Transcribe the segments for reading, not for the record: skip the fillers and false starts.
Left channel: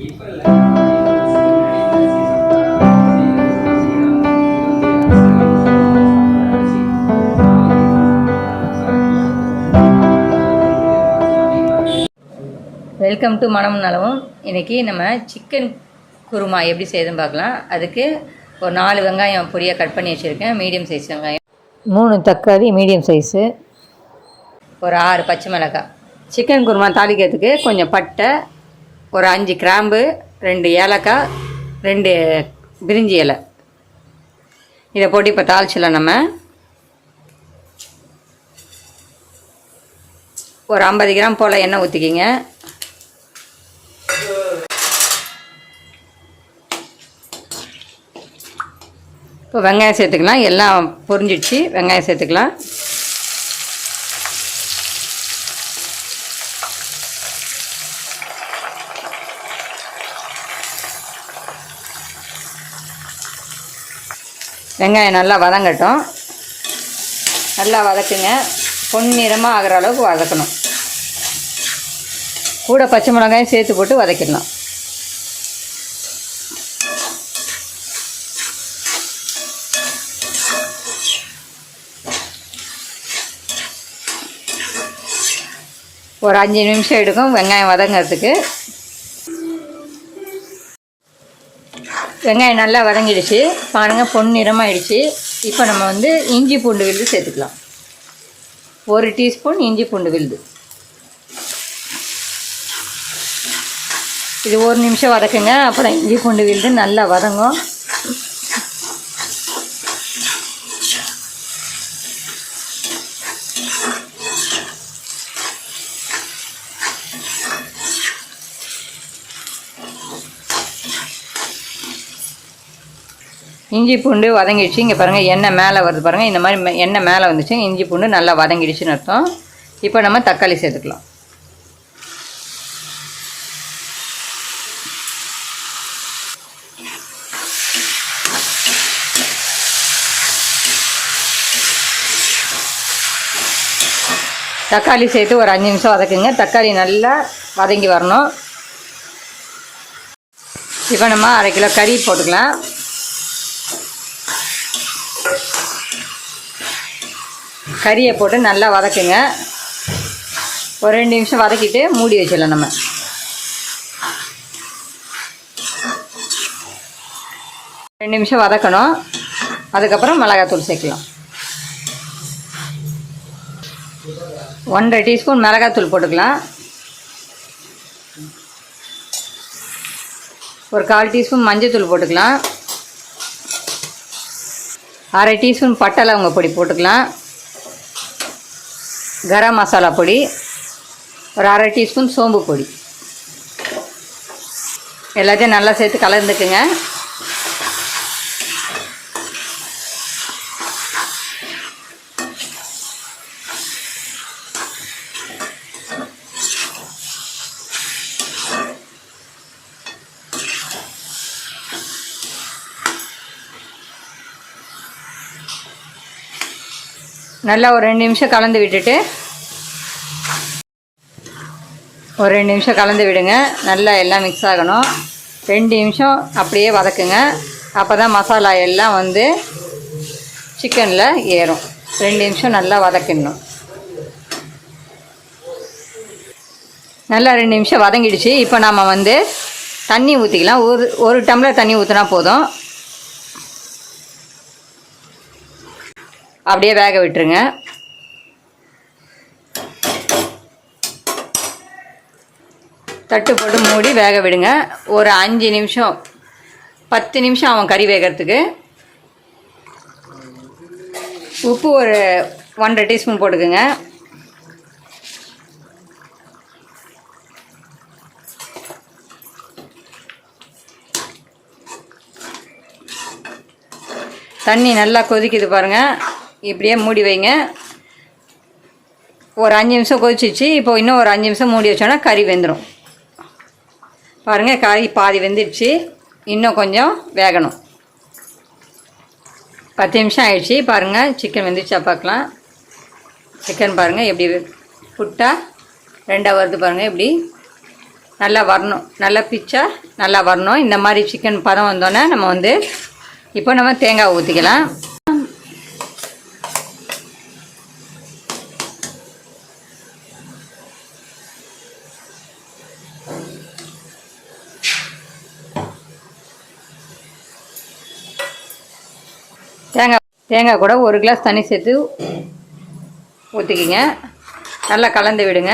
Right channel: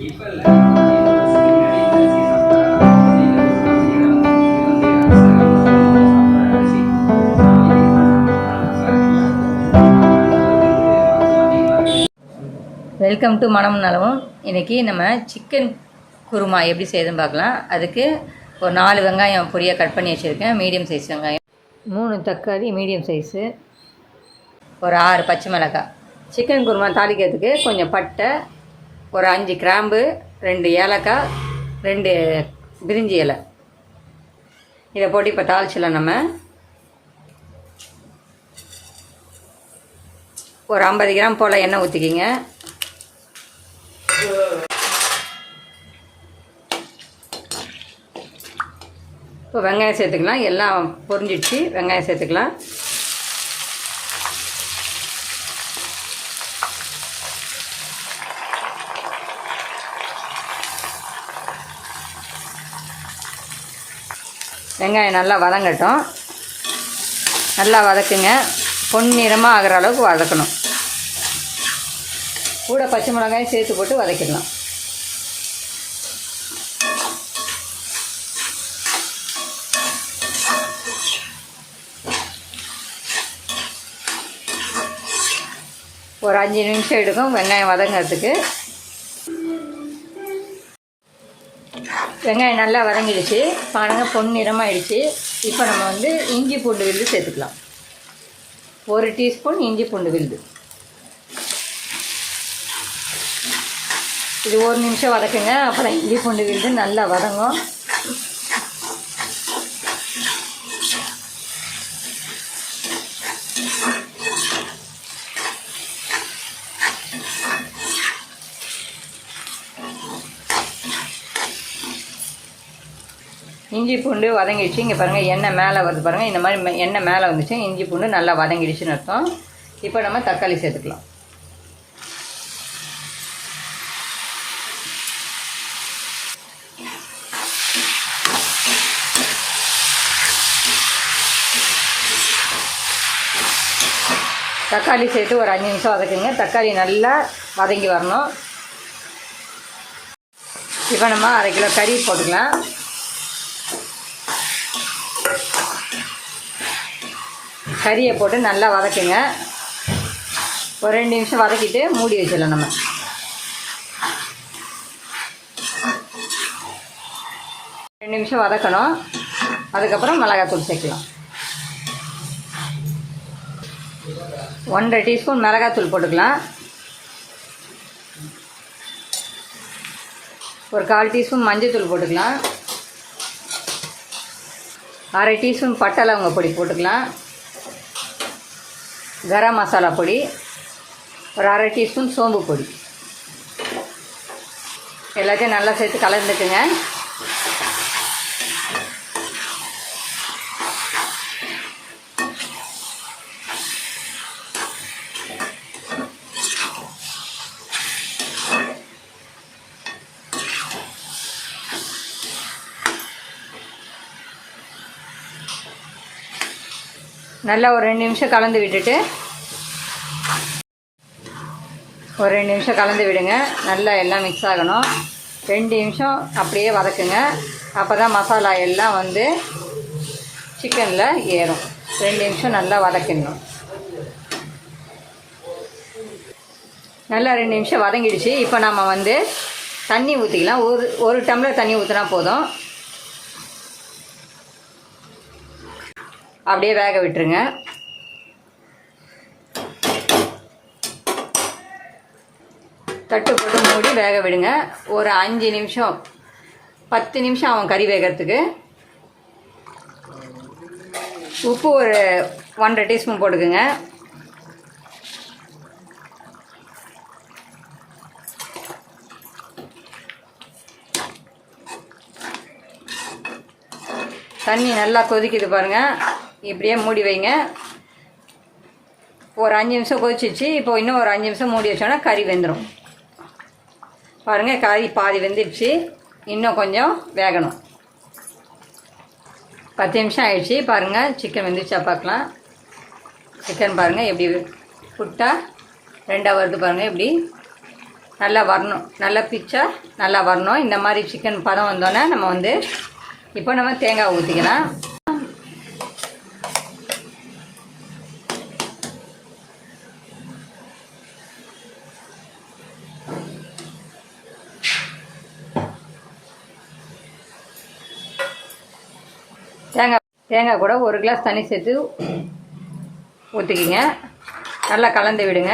Welcome to மனமும் நலமும். இன்றைக்கி நம்ம சிக்கன் குருமா எப்படி செய்யுதுன்னு பார்க்கலாம். அதுக்கு ஒரு 4 வெங்காயம் பொடியாக கட் பண்ணி வச்சுருக்கேன், மீடியம் சைஸ் வெங்காயம், 3 தக்காளி மீடியம் சைஸு, ஒரு 6 பச்சை மிளகாய். சிக்கன் குருமா தாளிக்கிறதுக்கு கொஞ்சம் பட்டை, ஒரு 5 கிராம்பு, 2 ஏலக்காய், 2 பிரிஞ்சி இலை, இதை போட்டு இப்போ தாளிச்சிடலாம். நம்ம ஒரு 50 கிராம் போல் எண்ணெய் ஊற்றிக்கிங்க. இப்போ வெங்காயம் சேர்த்துக்கலாம். எல்லாம் பொரிஞ்சிடுச்சு, வெங்காயம் சேர்த்துக்கலாம். வெங்காயம் நல்லா வதங்கட்டும். நல்லா வதக்குங்க, பொன்னிறமாக ஆகிற அளவுக்கு வதக்கணும். கூட பச்சை மிளகாயும் சேர்த்து போட்டு வதக்கிடலாம். ஒரு 5 நிமிஷம் எடுக்கும் வெங்காயம் வதங்கிறதுக்கு. வெங்காயம் நல்லா வதங்கிடுச்சு பாருங்கள், பொன்னிறமாகிடுச்சு. இப்போ நம்ம இஞ்சி பூண்டு விழுது சேர்த்துக்கலாம். 1 டீஸ்பூன் இஞ்சி பூண்டு விழுது. இது 1 நிமிஷம் வதக்குங்க, அப்புறம் இஞ்சி பூண்டு விழுது நல்லா வதங்கும். இஞ்சி பூண்டு வதங்கிடுச்சு. இங்கே பாருங்கள், எண்ணெய் மேலே வருது பாருங்கள். இந்த மாதிரி எண்ணெய் மேலே வந்துச்சு, இஞ்சி பூண்டு நல்லா வதங்கிடுச்சுன்னு அர்த்தம். இப்போ நம்ம தக்காளி சேர்த்துக்கலாம். தக்காளி சேர்த்து ஒரு 5 நிமிஷம் வதக்குங்க. தக்காளி நல்லா வதங்கி வரணும். இப்போ நம்ம 1/2 கிலோ கறி போட்டுக்கலாம். கறியை போட்டு நல்லா வதக்குங்க. ஒரு 2 நிமிஷம் வதக்கிட்டு மூடி வச்சிடலாம். நம்ம 2 நிமிஷம் வதக்கணும். அதுக்கப்புறம் மிளகாத்தூள் சேர்க்கலாம். 1/2 டீஸ்பூன் மிளகாத்தூள் போட்டுக்கலாம். ஒரு 1/4 டீஸ்பூன் மஞ்சள் போட்டுக்கலாம். 1/2 டீஸ்பூன் பட்டை லவங்க பொடி போட்டுக்கலாம். கரம் மசாலா பொடி, ஒரு 1/2 டீஸ்பூன் சோம்பு பொடி, எல்லாத்தையும் நல்லா சேர்த்து கலந்துக்குங்க. நல்லா ஒரு 2 நிமிஷம் கலந்து விட்டுட்டு, ஒரு 2 நிமிஷம் கலந்து விடுங்க. நல்லா எல்லாம் மிக்ஸ் ஆகணும். 2 நிமிஷம் அப்படியே வதக்குங்க. அப்போ தான் மசாலா எல்லாம் சிக்கனில் ஏறும். 2 நிமிஷம் நல்லா வதக்கிடணும். நல்லா 2 நிமிஷம் வதங்கிடுச்சு. இப்போ நாம் தண்ணி ஊற்றிக்கலாம். ஒரு டம்ளர் தண்ணி ஊற்றினா போதும். அப்படியே வேக விட்டுருங்க. தட்டு போட்டு மூடி வேக விடுங்க. ஒரு 5 நிமிஷம் 10 நிமிஷம் ஆகும் கறி வேகிறதுக்கு. உப்பு ஒரு 1/2 டீஸ்பூன் போட்டுக்குங்க. தண்ணி நல்லா கொதிக்குது பாருங்கள். இப்படியே மூடி வைங்க. ஒரு 5 நிமிஷம் கொதிச்சிச்சு. இப்போ இன்னும் ஒரு 5 நிமிஷம் மூடி வச்சோன்னா கறி வெந்துடும். பாருங்கள், கறி பாதி வெந்துடுச்சு. இன்னும் கொஞ்சம் வேகணும். 10 நிமிஷம் ஆயிடுச்சு. பாருங்கள், சிக்கன் வெந்துடுச்சா பார்க்கலாம். சிக்கன் பாருங்கள் எப்படி புட்டா 2ஆக வருது பாருங்கள். இப்படி நல்லா வரணும், நல்லா பிச்சா நல்லா வரணும். இந்த மாதிரி சிக்கன் பதம் வந்தோன்னே நம்ம வந்து இப்போ நம்ம தேங்காய் ஊற்றிக்கலாம். தேங்காய் கூட 1 கிளாஸ் தண்ணி சேர்த்து ஊற்றிக்கிங்க. நல்லா கலந்து விடுங்க.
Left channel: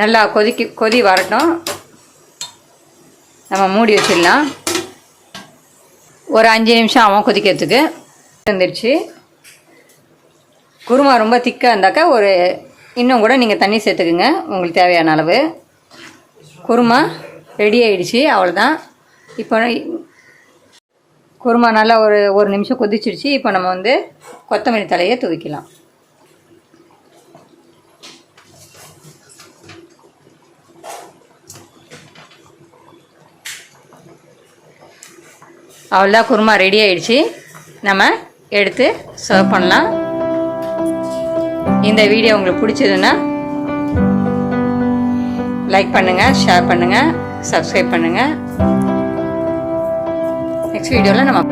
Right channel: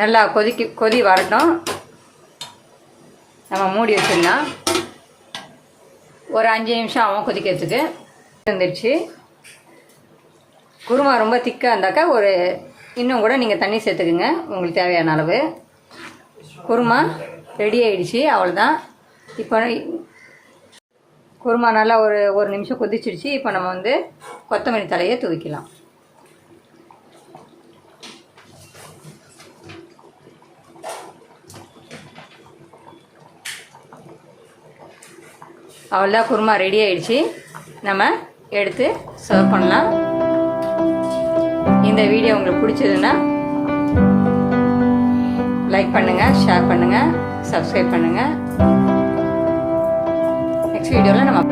நல்லா கொதி வரட்டும். நம்ம மூடி வச்சிடலாம். ஒரு 5 நிமிஷம் ஆகும் கொதிக்கிறதுக்கு. வந்துடுச்சு. குருமா ரொம்ப திக்காக இருந்தாக்கா இன்னும் கூட நீங்கள் தண்ணி சேர்த்துக்குங்க உங்களுக்கு தேவையான அளவு. குருமா ரெடி ஆகிடுச்சு, அவ்வளோதான். இப்போ குருமா நல்லா ஒரு நிமிஷம் கொதிச்சிடுச்சு. இப்போ நம்ம வந்து கொத்தமல்லி தலையை தூவிக்கலாம். அவ்வளோதான், குருமா ரெடி ஆகிடுச்சு. நம்ம எடுத்து சர்வ் பண்ணலாம். இந்த வீடியோ உங்களுக்கு பிடிச்சதுன்னா லைக் பண்ணுங்கள், ஷேர் பண்ணுங்கள், சப்ஸ்கிரைப் பண்ணுங்கள். நெக்ஸ்ட் வீடியோவில் நம்ம